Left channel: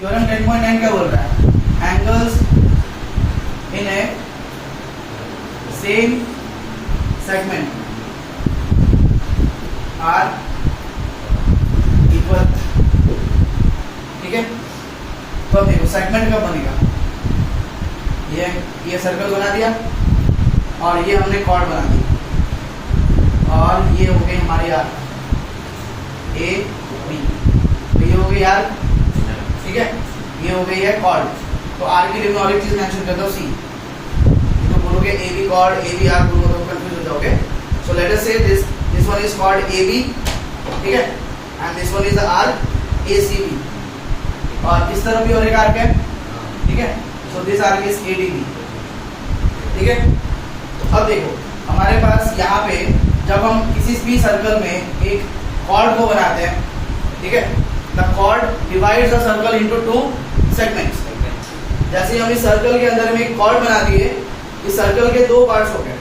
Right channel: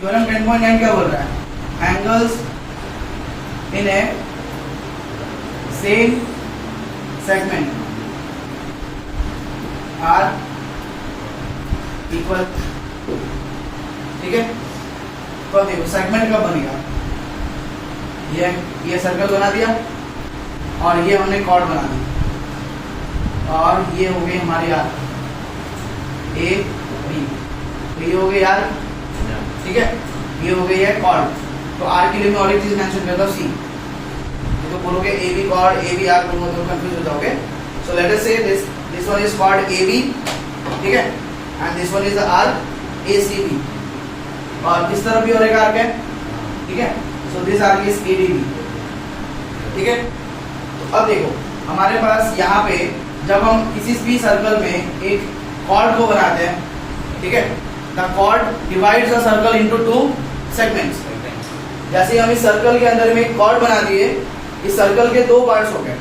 Theorem 10.9 क्या बोल रहा है? Angles in a same segment are equal. ठीक है, तो देखो सेगमेंट कब बनेगा? ये सर्कल बना दिया और ये हमने कॉर्ड बना दी और ये हो गई हमारी आर ए बी, तो ये हो गई आर। ठीक है, ये हो गई है कॉर्ड। तो आर के लिए मैं और एक चीज मेंशन करता हूँ, सी। तो बोलोगे A B chord, A B R, बोलोगे तो कंफ्यूज हो जाओगे। So let us say this one is called A B, ठीक है, and this one is R A C B, और इस तरफ भी और एक आर्क है। ठीक है, so this arc is A D B. ठीक है, तो अब देखो हमारे पास यहाँ पे जब हम किसी भी सर्कल में एक कॉर्ड को बनाते हैं, ठीक है, the chord divides the circle into two segments. जैसे हम इस सर्कल के अंदर में एक कॉर्ड बना दिए, इस सर्कल के दो पार्ट्स हो गए।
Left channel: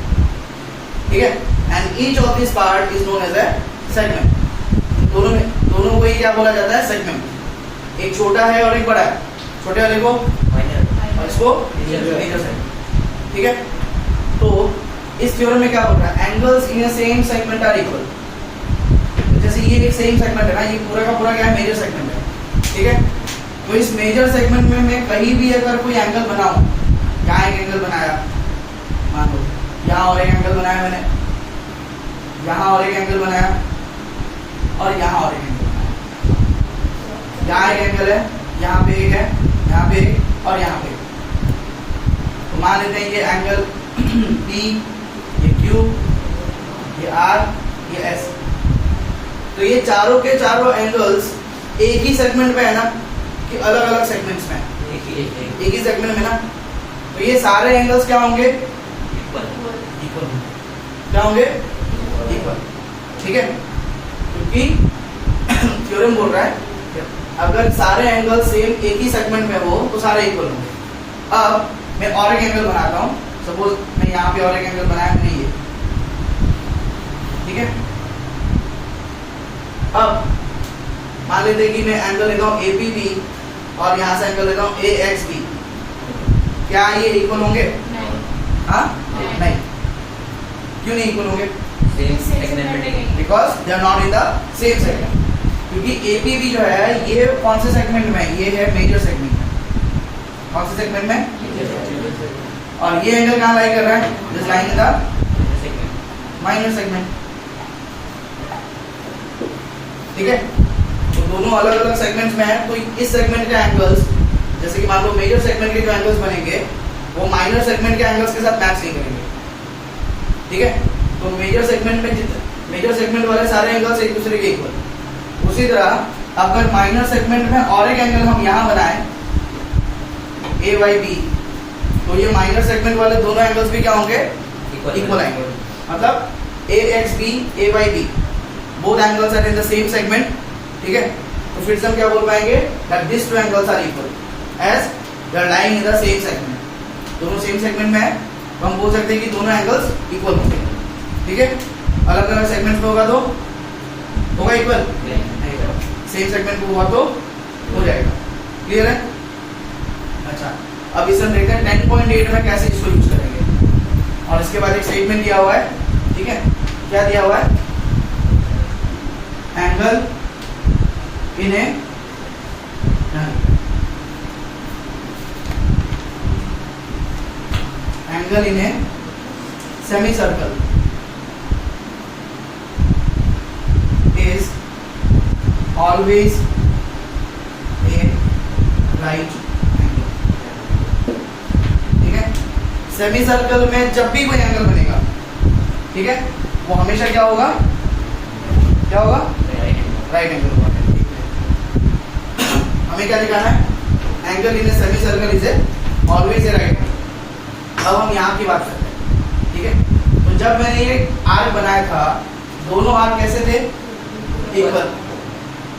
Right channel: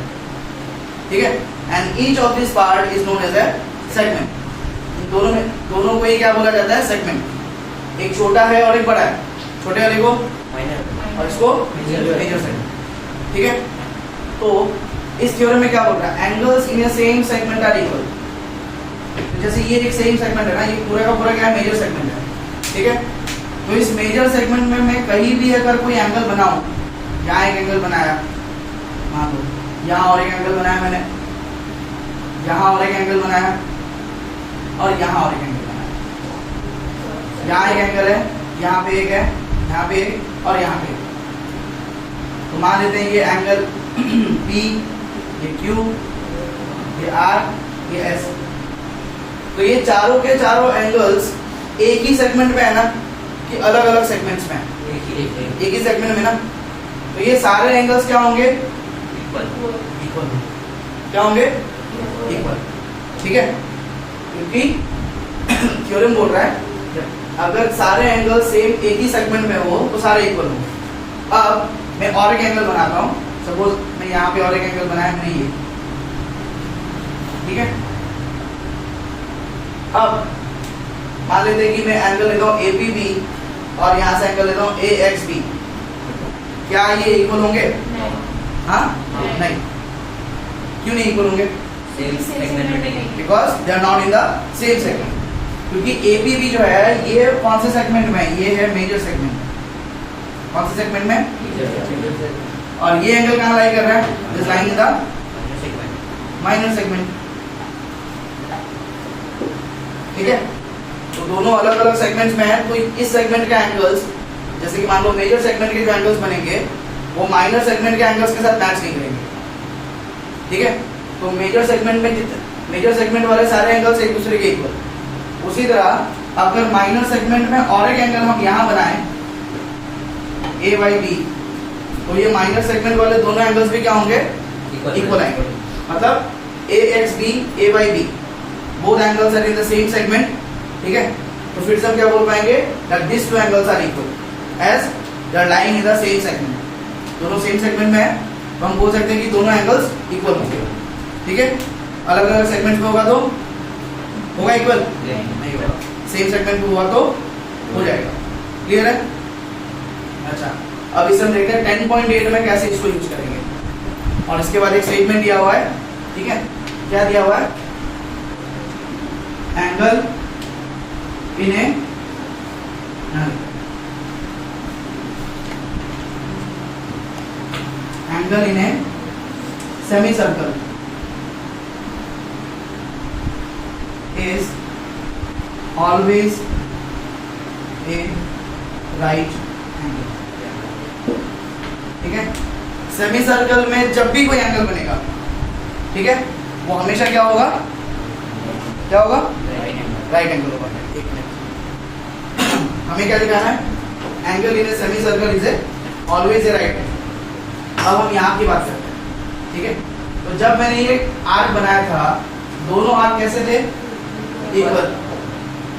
ठीक है, and each of this part is known as a segment. दोनों को ही क्या बोला जाता है? सेगमेंट। एक छोटा है और एक बड़ा है, छोटे वाले को माइनर और इसको मेजर सेगमेंट। ठीक है, तो इस थ्योरम में क्या बोल रहा है? Angles in a same segment are equal. जैसे ये एक सेम सेगमेंट है ना, ये पूरा का पूरा क्या है? मेजर सेगमेंट है। ठीक है, तो इस मेजर सेगमेंट में मैं कहीं भी अगर कोई एंगल बनाऊं, यहाँ एक एंगल बनाया, मान लो यहाँ और एक एंगल बनाया मैंने, यहाँ और एक एंगल बनाया, और यहाँ और एक एंगल बनाया। यहाँ एक एंगल है, यहाँ पे एक है, यहाँ पे एक, और यहाँ पे एक। तो मान लेते हैं ये एंगल P, ये Q, ये R, ये S। तो ये चारों के चारों एंगल्स एक ही सेगमेंट में है ना, कि अलग अलग सेगमेंट्स में? एक ही सेगमेंट में ना। तो ये सारे एंगल्स क्या होंगे? इक्वल। क्या होंगे? इक्वल। ठीक है, क्योंकि थ्योरम बोल रहा है अगर सारे एंगल सेम एक ही सेगमेंट में हो तो सारे इक्वल होंगे। अब मैं और एक एंगल बनाता हूं, सपोज मैं यहाँ पे और एक एंगल बनाया मैंने ये। ठीक है, अब मान लेते हैं कि मैं एंगल लेता हूँ APB और यहाँ से एंगल लेता हूँ AXB। क्या ये इक्वल होंगे? हाँ, नहीं। क्यों नहीं इक्वल होंगे? सेम सेगमेंट में, because they are not in the same segment. क्योंकि APB जो है ये कौन से सेगमेंट में है? ये है मेजर सेगमेंट में। कौन से सेगमेंट में? और ये एंगल कहाँ लाई कर रहा है? This line in the minor segment. ठीक है, तो दोनों अलग अलग सेगमेंट्स में है। तो इस सेगमेंट के एंगल्स, जैसे कि मान लो मेजर सेगमेंट के जो एंगल्स बनेंगे वो माइनर सेगमेंट के एंगल्स के साथ मैच नहीं करेंगे। ठीक है, तो मेजर सेगमेंट वाले सारे एंगल्स एक दूसरे के इक्वल। उसी तरह अगर माइनर सेगमेंट में और एक एंगल हम यहाँ बनाएं AYB, तो ये माइनर सेगमेंट वाले दोनों एंगल्स भी क्या होंगे? इक्वल आएंगे। मतलब AXB, AYB both angles are in the same segment। ठीक है, तो फिर से हम क्या बोल पाएंगे? that these two angles are equal as they are lying in the same segment। दोनों सेम सेगमेंट में है तो हम बोल सकते हैं कि दोनों एंगल्स इक्वल होंगे। ठीक है, अलग अलग सेगमेंट में होगा तो होगा इक्वल नहीं होगा, सेम सेगमेंट में हुआ तो हो जाएगा। क्लियर है? अच्छा, अब इसे हम देखते हैं 10.8 में कैसे इसको यूज करेंगे। और इसके बाद एक स्टेटमेंट दिया हुआ है। ठीक है, क्या दिया हुआ है? Angle in A angle in A semi circle is always a right angle. ठीक है, सेमी सर्कल में जब भी कोई एंगल बनेगा, ठीक है, वो हमेशा क्या होगा? क्या होगा? राइट एंगल होगा। हमें क्या दिखाना है? Angle in A semi circle is a always a right angle. अब हम यहाँ की बात करते हैं। ठीक है, तो जब मैंने ये आर्क बनाया था, दोनों आर्क कैसे थे? इक्वल।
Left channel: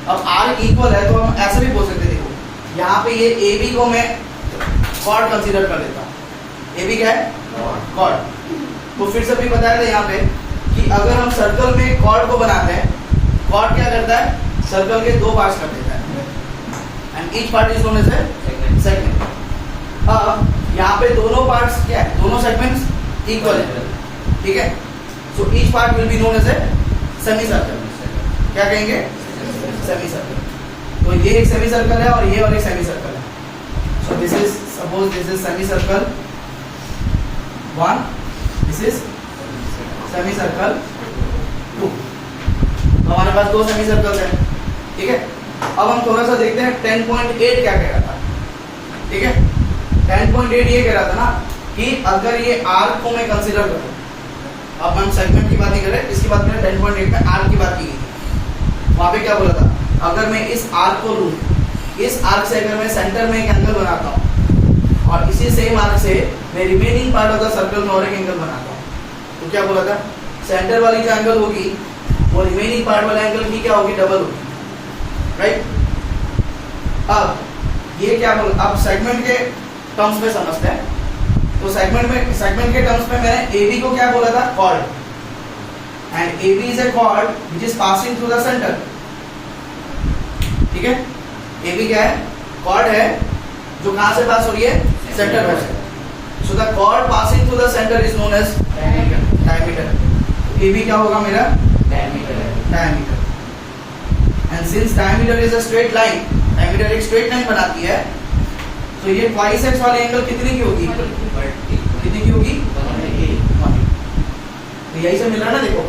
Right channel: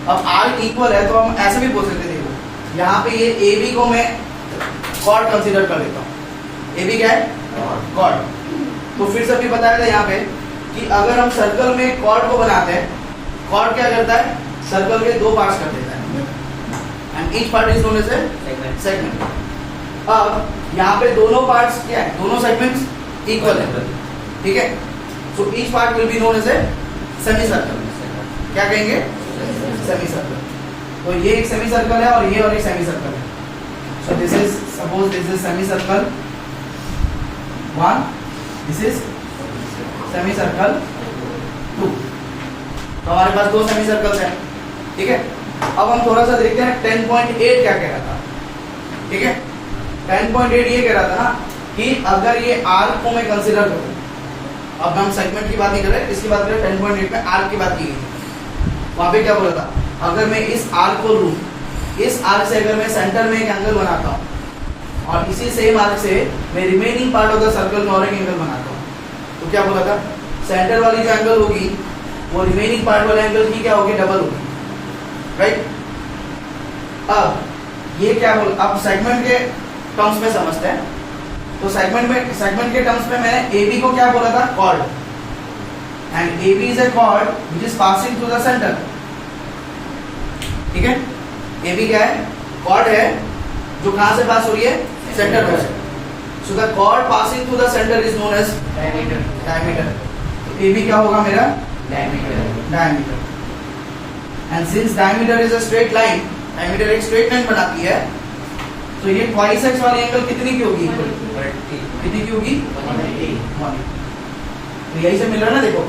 अब आर्क इक्वल है तो हम ऐसे भी बोल सकते थे, यहाँ पे ये AB को मैं कॉर्ड कंसीडर कर लेता हूँ। AB क्या है? कॉर्ड। तो फिर से भी बताया था यहाँ पे कि अगर हम सर्कल में कॉर्ड को बनाते हैं, कॉर्ड क्या करता है? सर्कल के दो पार्ट्स कर देता है and each part is known as a segment. अब यहाँ पे दोनों पार्ट्स क्या है, दोनों सेगमेंट्स इक्वल है, ठीक है। So each part will be known as a semi circle. क्या कहेंगे, सेमी सर्कल। तो ये एक सेमी सर्कल है और ये और एक सेमी सर्कल है। So this is, suppose this is semi circle 1, this is semi circle 2। तो हमारे पास दो सेमी सर्कल्स हैं, ठीक है। अब हम थोड़ा सा देखते हैं 10.8 क्या कह रहा था, ठीक है। 10.8 ये कह रहा था ना कि अगर ये आर्क को मैं कंसीडर करूं, अब हम सेगमेंट की बात नहीं कर रहे, इसकी बात करें 10.8 में आर्क की बात की गई। वहां पे क्या बोला था, अगर मैं इस आर्क को लूं, इस आर्क से अगर मैं सेंटर में एक एंगल बनाता हूं और इसी सेम आर्क से मैं remaining part of the circle में और एक एंगल बनाता हूं, तो क्या बोला था, सेंटर वाली जो एंगल होगी वो रिमेनिंग पार्ट वाले एंगल की क्या होगी, डबल होगी, राइट। अब ये क्या बोल, अब सेगमेंट के टर्म्स में समझते हैं। तो सेगमेंट के टर्म्स में मैंने AB को क्या बोला था, chord, and AB is a chord which is passing through the centre, ठीक है। AB क्या है, कॉर्ड है जो कहां से पास हो रही है, सेंटर में से। So the chord passing through the centre is known as diameter. AB क्या होगा मेरा, diameter. And since diameter is a straight line, diameter एक स्ट्रेट लाइन बनाती है, तो ये ट्वाइस एक्स वाली एंगल कितनी की होगी, कितनी की होगी, 180। तो यही से मिल रहा है ना, देखो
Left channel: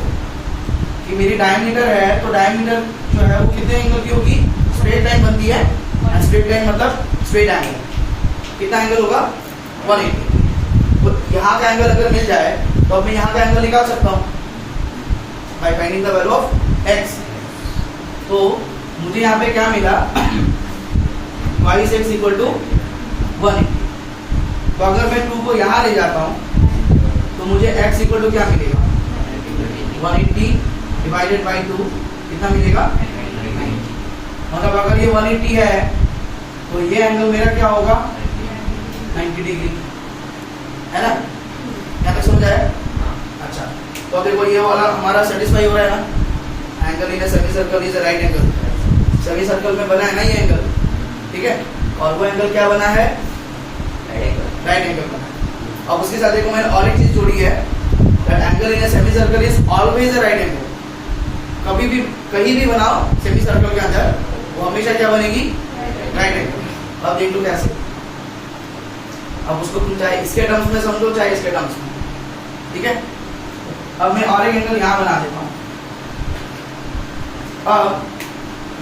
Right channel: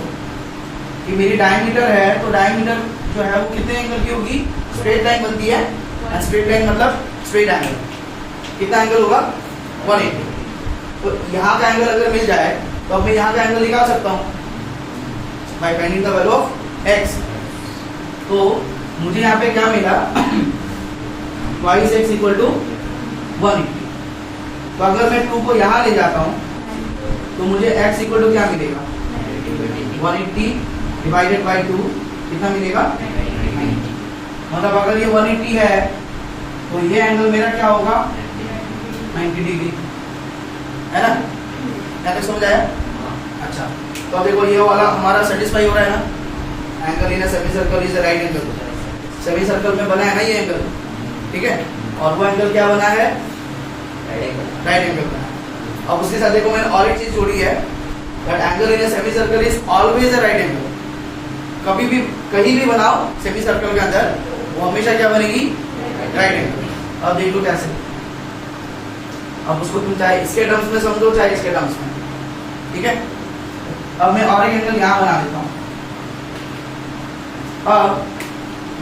कि मेरी डायमीटर है, तो डायमीटर जो है वो कितने एंगल की होगी, स्ट्रेट लाइन बनती है, एंड स्ट्रेट लाइन मतलब स्ट्रेट एंगल, कितना एंगल होगा, 180। तो यहाँ का एंगल अगर मिल जाए तो अब मैं यहाँ का एंगल निकाल सकता हूँ by finding the value of x। तो मुझे यहाँ पे क्या मिला, ट्वाइस x इक्वल टू 180। तो अगर मैं 2 को यहाँ ले जाता हूँ तो मुझे x इक्वल टू क्या मिलेगा, 180 डिवाइडेड बाई 2, कितना मिलेगा, 90। मतलब अगर ये 180 है तो ये एंगल मेरा क्या होगा, 90 डिग्री, है ना। क्या तक समझ आया? अच्छा, तो अब देखो ये वाला हमारा सेटिस्फाई हो रहा है ना, angle in a semi circle is a right angle. Semi circle में बना है ना ये एंगल, ठीक है, और वो एंगल क्या बना है, राइट एंगल बना है। अब उसके साथ देखो मैंने और एक चीज जोड़ी है, that angle in a semi circle is always a right angle. कभी भी कहीं भी बनाओ सेमी सर्कल के अंदर, वो हमेशा क्या बनेगी, राइट एंगल। अब देख लो कैसे, अब उसको तुम चाहे इसके टर्म्स में समझो चाहे इसके टर्म्स में, ठीक है। अब मैं और एक एंगल यहां बना देता हूं। अब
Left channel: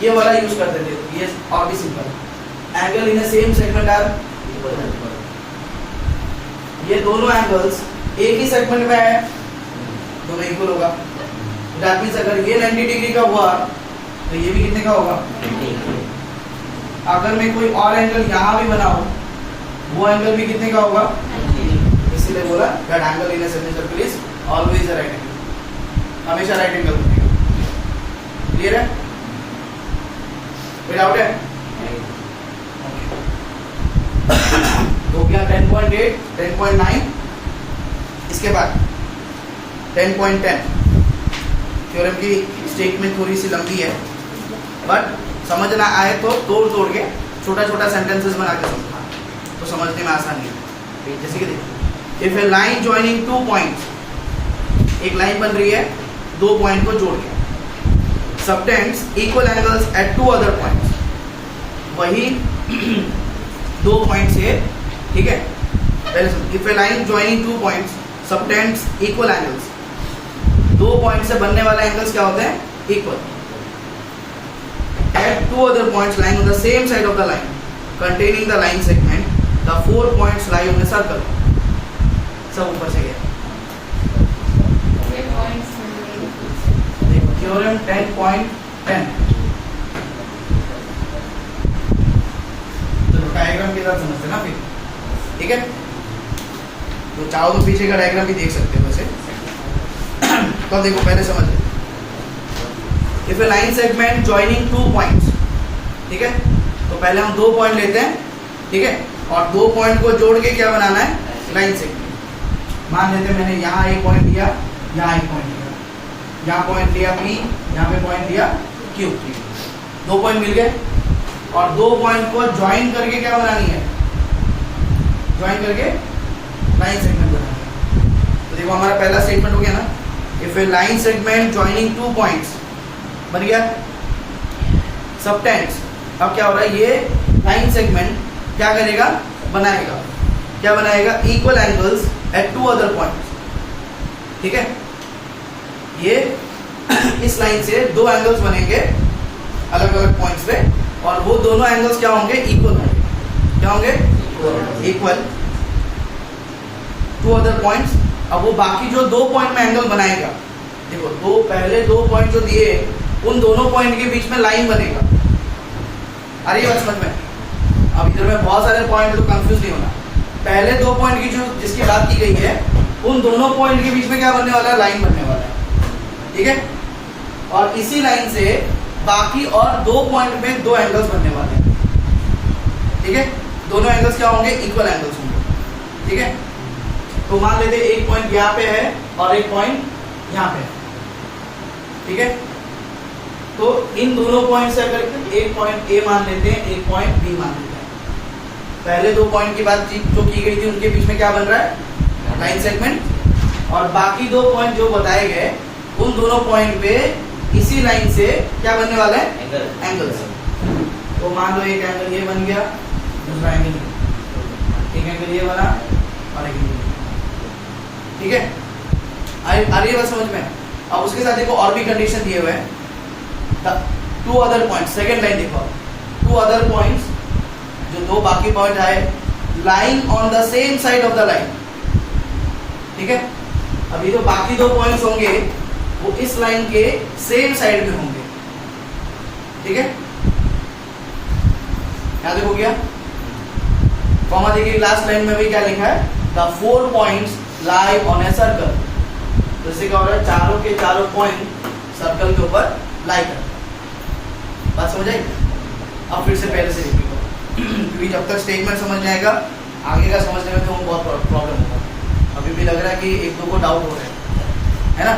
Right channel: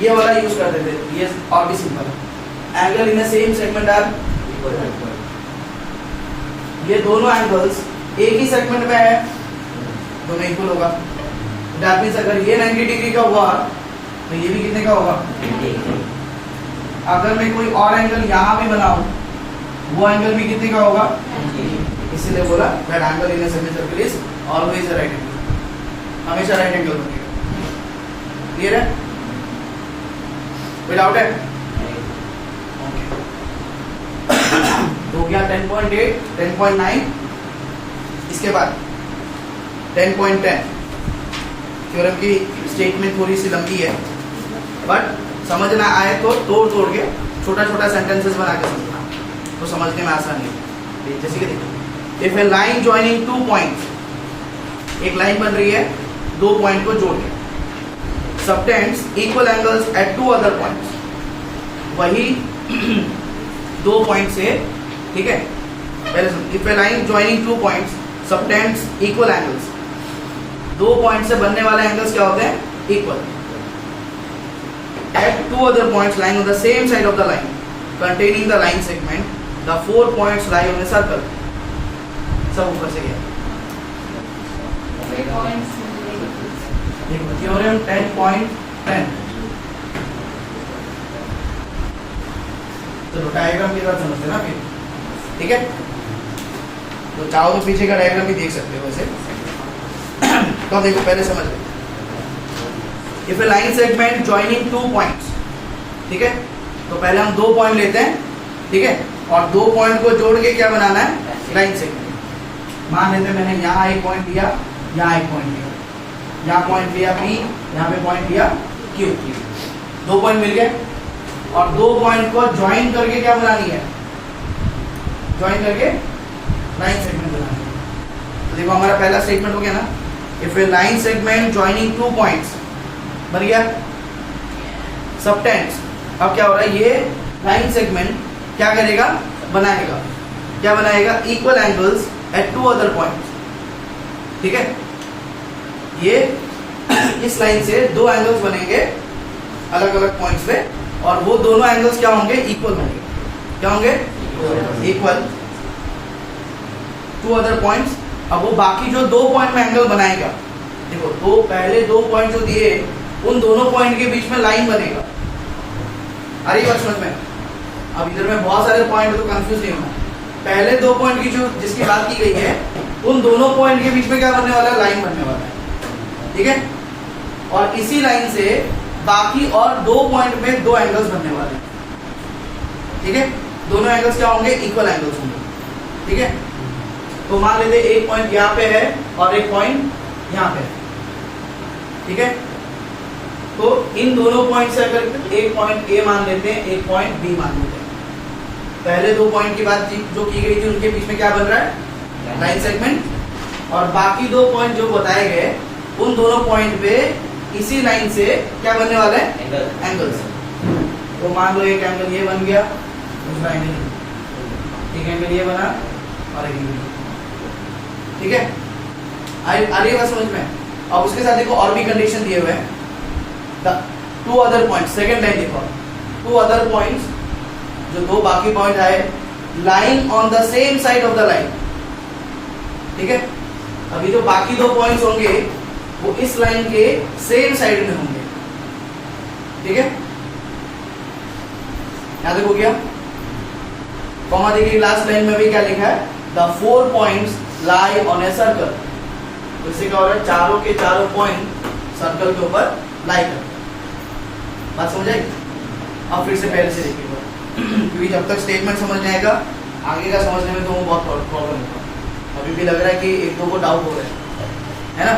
ये वाला यूज करते थे, ये और भी simple, angle in same segment are equal. ये दोनों एंगल्स एक ही सेगमेंट में है, दोनों इक्वल होगा। दैट मींस अगर ये 90 डिग्री का हुआ तो ये भी कितने का होगा, अगर मैं कोई और एंगल यहां भी बनाऊं वो एंगल भी कितने का होगा, इसीलिए बोला that angle in a semi circle is always a right angle, हमेशा राइट एंगल बनेगा। क्लियर है, कोई डाउट है? तो क्या 10.8, 10.9, इसके बाद 10.10। थ्योरम की स्टेटमेंट थोड़ी सी लंबी है, बट समझना आए तो तोड़ तोड़ के छोटा छोटा सेंटेंसेस बना के समझना, तो समझने में आसानी है। जैसे कि देखिए, if a line joining 2 points, एक लाइन बन रही है 2 पॉइंट को जोड़ के, subtends equal angles at 2 other points, वही 2 पॉइंट से, ठीक है। पहले if a line joining 2 points subtends equal angles, 2 point से बनने वाले एंगल्स क्या होते हैं, equal. At 2 other points line on the same side of the line containing the line segment, the 4 points lie on a circle। सब ऊपर से गया, देखो थ्योरम 10.10। तो डायग्राम के साथ समझते ना फिर, ठीक है। तो चाहो तो पीछे का डायग्राम भी देख सकते हो वैसे। तो देखो पहले समझ ले, if a line segment joining 2 points, ठीक है। तो पहले हम 2 पॉइंट लेते हैं, ठीक है, और 2 पॉइंट को जोड़ के क्या बनाना है, लाइन सेगमेंट। मान लेते हैं मैंने यहाँ एक पॉइंट लिया, यहाँ एक पॉइंट लिया, यहाँ पॉइंट लिया P, यहाँ पे पॉइंट लिया Q। 2 पॉइंट मिल गए, और दो पॉइंट को ज्वाइन करके क्या बनानी है, ज्वाइन करके लाइन सेगमेंट बनानी है। तो देखो हमारा पहला स्टेटमेंट हो गया ना, if a line segment joining two points बन गया सबटेंस। अब क्या हो रहा है, ये लाइन सेगमेंट क्या करेगा, बनाएगा, क्या बनाएगा, equal angles at two other points. ठीक है, ये इस लाइन से दो एंगल्स बनेंगे अलग अलग पॉइंट्स से, और वो दोनों एंगल्स क्या होंगे, इक्वल होंगे। क्या होंगे, इक्वल टू अदर पॉइंट्स। अब वो बाकी जो दो पॉइंट में एंगल बनाएगा, देखो दो पहले दो पॉइंट जो दिए उन दोनों पॉइंट के बीच में लाइन बनेगा। अरे ये बात समझ में, अब इधर में बहुत सारे पॉइंट, तो कंफ्यूज नहीं होना। पहले दो पॉइंट की जो जिसकी बात की गई है, उन दोनों पॉइंट के बीच में क्या बनने वाला है, लाइन बनने वाला है। ठीक है, और इसी लाइन से बाकी और दो पॉइंट में दो एंगल्स बनने वाले हैं। ठीक है, दोनों एंगल्स क्या होंगे, इक्वल एंगल्स होंगे। ठीक है, तो मान लेते एक पॉइंट यहाँ पे है और एक पॉइंट यहाँ पे है। ठीक है, तो इन दोनों पॉइंट से अगर एक पॉइंट ए मान लेते हैं, एक पॉइंट बी मान लेते हैं, पहले दो पॉइंट की बात जो की गई थी उनके बीच में क्या बन रहा है, लाइन सेगमेंट। और बाकी दो पॉइंट जो बताए गए उन दोनों पॉइंट पे इसी लाइन से क्या बनने वाला है, एंगल्स। तो मान लो एक एंगल ये बन गया, दूसरा एंगल, एक एंगल ये बना और एक एंगल। ठीक है, अरे बात समझ में। अब उसके साथ देखो और भी कंडीशन दिए हुए हैं, two other points, second line देखो, टू अदर पॉइंट्स, जो दो बाकी पॉइंट आए, line on the same side of the line. ठीक है, अभी जो बाकी दो पॉइंट्स होंगे वो इस लाइन के सेम साइड में होंगे। ठीक है, यहां देखो क्या कॉमा देखिए, लास्ट लाइन में भी क्या लिखा है, the four points lie on a circle. तो इससे क्या हो रहा है, चारों के चारों पॉइंट सर्कल के ऊपर लाई करते हैं। बात समझ आई? अब फिर से पहले से देखिएगा, क्योंकि जब तक स्टेटमेंट समझ में आएगा आगे का समझने में तो बहुत प्रॉब्लम होगा। अभी भी लग रहा है कि एक दो को डाउट हो रहा है ना।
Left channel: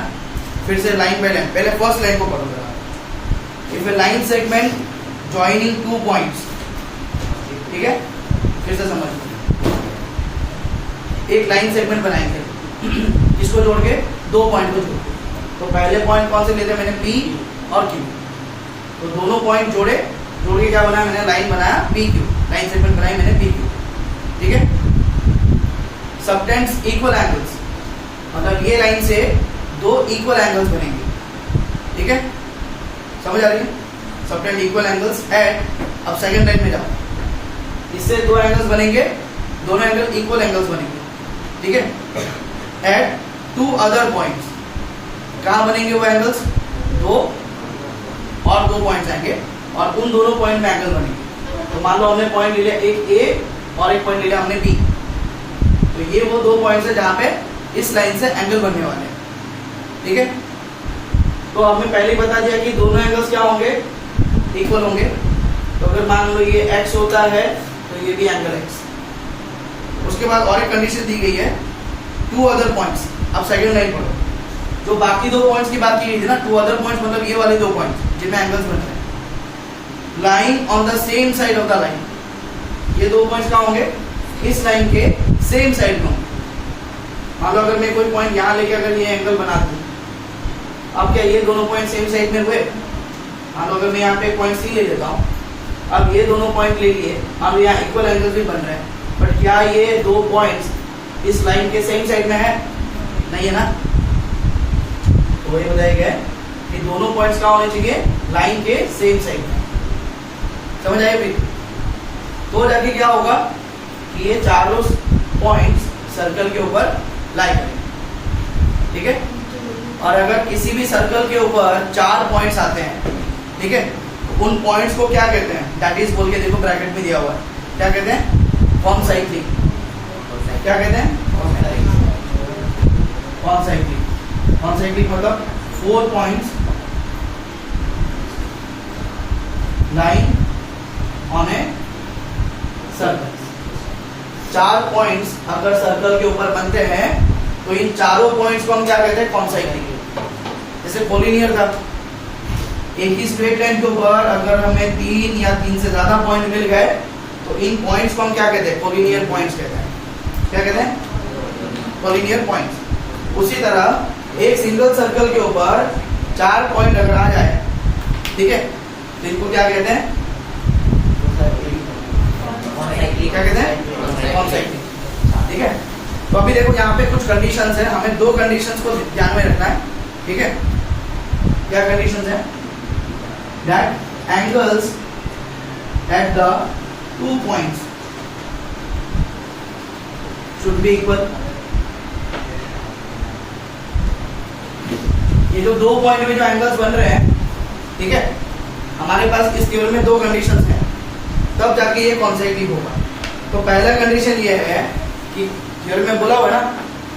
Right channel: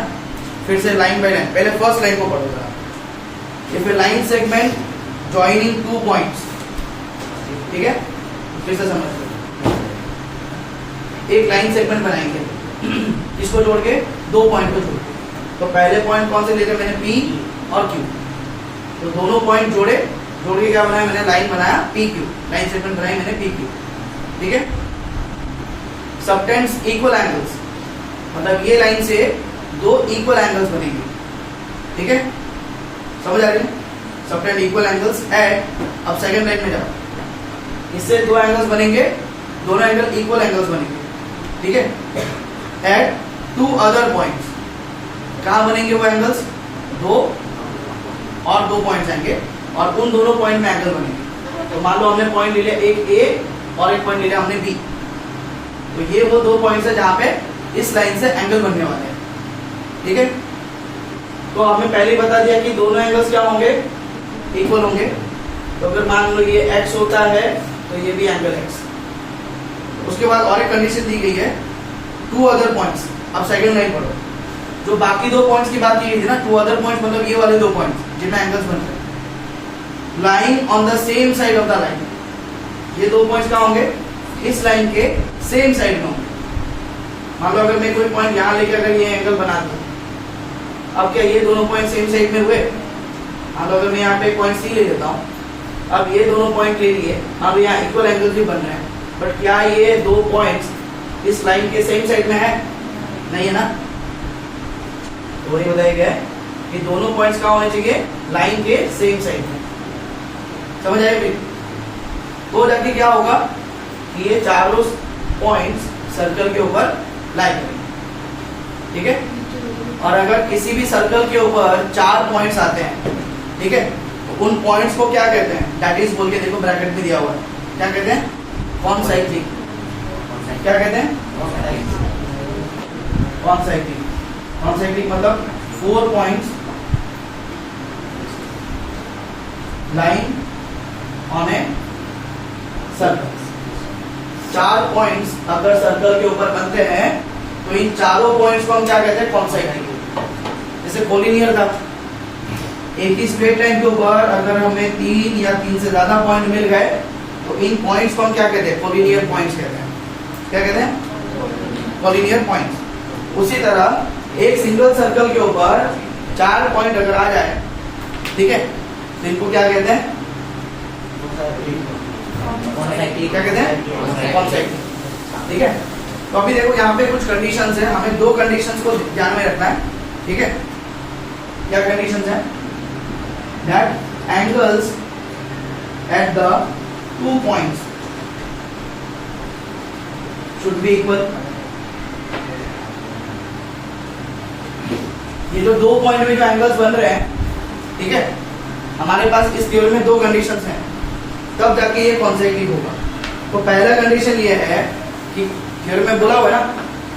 फिर से लाइन बाय लाइन, पहले फर्स्ट लाइन को पढ़ो जरा। If a line segment joining two points, ठीक है, फिर से समझ लो, एक लाइन सेगमेंट बनाएंगे, इसको जोड़ के दो पॉइंट को जोड़ के। तो पहले पॉइंट कौन से लेते मैंने, पी और क्यू। तो दोनों पॉइंट जोड़ के क्या बनाया मैंने, लाइन बनाया पी क्यू, लाइन सेगमेंट बनाई मैंने पी क्यू। ठीक है, सबटेंड्स इक्वल एंगल्स, मतलब ये लाइन से दो इक्वल एंगल्स बनेंगे। ठीक है, समझ आ रही है, सबटेंड इक्वल एंगल्स एट, अब सेकंड लाइन में जाओ, इससे दो एंगल्स बनेंगे, दोनों एंगल इक्वल एंगल्स बनेंगे। ठीक है, एट टू अदर पॉइंट्स, कहां बनेंगे वो एंगल्स, दो और दो पॉइंट्स आएंगे और उन दोनों पॉइंट में एंगल बनेंगे। तो मान लो हमने पॉइंट ले लिया एक ए और एक पॉइंट ले लिया हमने बी, तो ये वो दो पॉइंट्स है जहां पे इस लाइन से एंगल बनने वाले हैं। ठीक है, तो हमें पहले बता दिया कि दोनों एंगल्स क्या होंगे, इक्वल होंगे। तो अगर मान लो ये x होता है तो ये भी एंगल x। उसके बाद और एक कंडीशन दी गई है, टू अदर पॉइंट्स। अब सेकंड लाइन पढ़ो, जो बाकी दो पॉइंट्स की बात की गई थी ना, टू अदर पॉइंट्स मतलब ये वाले दो पॉइंट्स जिनमें एंगल्स बनते हैं, line on the same side of the line. ये दो पॉइंट्स कहां होंगे, इस लाइन के सेम साइड में होंगे। मान लो अगर मैं कोई पॉइंट यहां लेके अगर ये एंगल बना दूं, अब क्या ये दोनों पॉइंट सेम साइड में हुए। मान लो अगर मैं यहाँ पे पॉइंट सी ले लेता हूँ, अब ये दोनों पॉइंट ले लिए, अब यहाँ इक्वल एंगल भी बन रहे हैं, बट क्या ये दो पॉइंट्स इस लाइन के सेम साइड में है, नहीं है ना। तो ये बताया गया कि दोनों पॉइंट्स कहाँ होने चाहिए, लाइन के सेम साइड में। समझ आए फिर? तो जाके क्या होगा कि ये चारों पॉइंट्स सर्कल के ऊपर लाई करेंगे। ठीक है, और अगर किसी भी सर्कल के ऊपर चार पॉइंट्स आते हैं, ठीक है, उन पॉइंट्स को क्या कहते हैं, दैट इज बोल के देखो ब्रैकेट भी दिया हुआ है, क्या कहते हैं, कॉन्साइक्लिक। क्या कहते हैं, कॉन्साइक्लिक। कॉन्साइक्लिक मतलब 4 points line on a circle. 4 points अगर सर्कल के ऊपर बनते हैं तो इन चारों पॉइंट्स को हम क्या कहते हैं, कॉन्साइक्लिक। जैसे कोलिनियर था, एक ही स्ट्रेट लाइन के ऊपर अगर हमें 3 या 3 से ज्यादा पॉइंट मिल गए तो इन पॉइंट्स को हम क्या कहते हैं? कोलिनियर पॉइंट्स कहते हैं। क्या कहते हैं? Collinear points. उसी तरह एक सिंगल सर्कल के ऊपर 4 पॉइंट अगर आ जाए, ठीक है, तो इनको क्या कहते हैं? क्या कहते हैं? कॉन्साइक्लिक। ठीक है, तो अभी देखो यहाँ पे कुछ कंडीशंस है, हमें 2 कंडीशंस को ध्यान में रखना है। ठीक है, क्या कंडीशंस है? That angles at the 2 points should be equal। ये जो 2 पॉइंट में जो एंगल्स बन रहे हैं, ठीक है, हमारे पास इस थ्योरम में 2 कंडीशंस हैं, तब जाके ये कॉन्सेक्टिव होगा। तो पहला कंडीशन ये है कि थ्योरम में बोला हुआ है ना,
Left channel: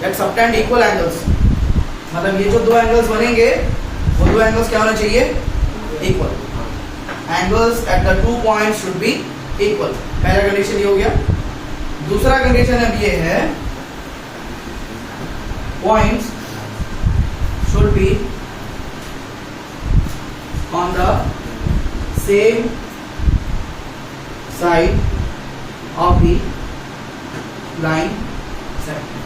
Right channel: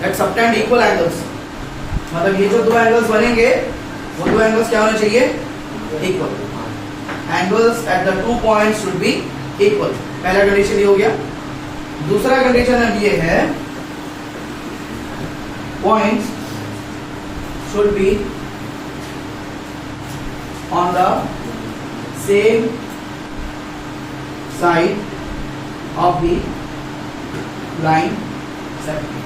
दैट सबटेंड इक्वल एंगल्स, मतलब ये जो 2 एंगल्स बनेंगे वो 2 एंगल्स क्या होने चाहिए? Equal. Angles at the 2 points should be equal. पहला कंडीशन ये हो गया। दूसरा कंडीशन अब ये है, points should be on the same side of the line segment.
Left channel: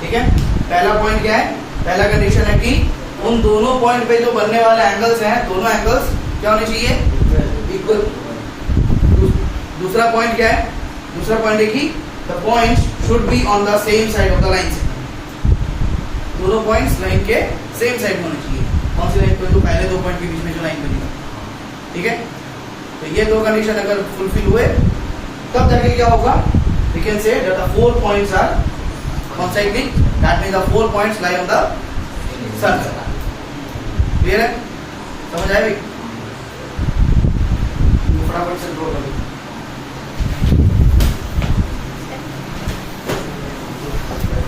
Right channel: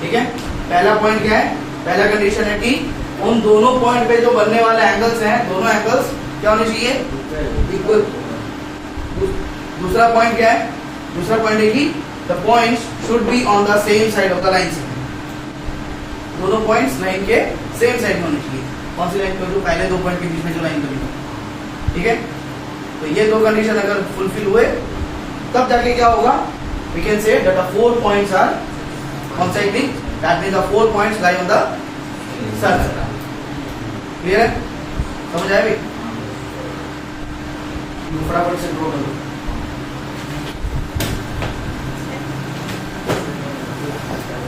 ठीक है, पहला पॉइंट क्या है? पहला कंडीशन है कि उन दोनों पॉइंट पे जो बनने वाले एंगल्स हैं, दोनों एंगल्स क्या होने चाहिए? इक्वल। दूसरा पॉइंट क्या है? दूसरा पॉइंट है कि the points should be on the same side of the line segment. दोनों पॉइंट्स लाइन के सेम साइड में होने चाहिए। कौन सी लाइन पे? तो पहले 2 पॉइंट के बीच में जो लाइन बनी। ठीक है, तो ये 2 कंडीशन अगर फुलफिल हुए तब जाके क्या होगा? We can say that the 4 points are concyclic, that means the 4 points lie on the circle. Clear है? समझ आया भी? फटाफट से ड्रॉ करो।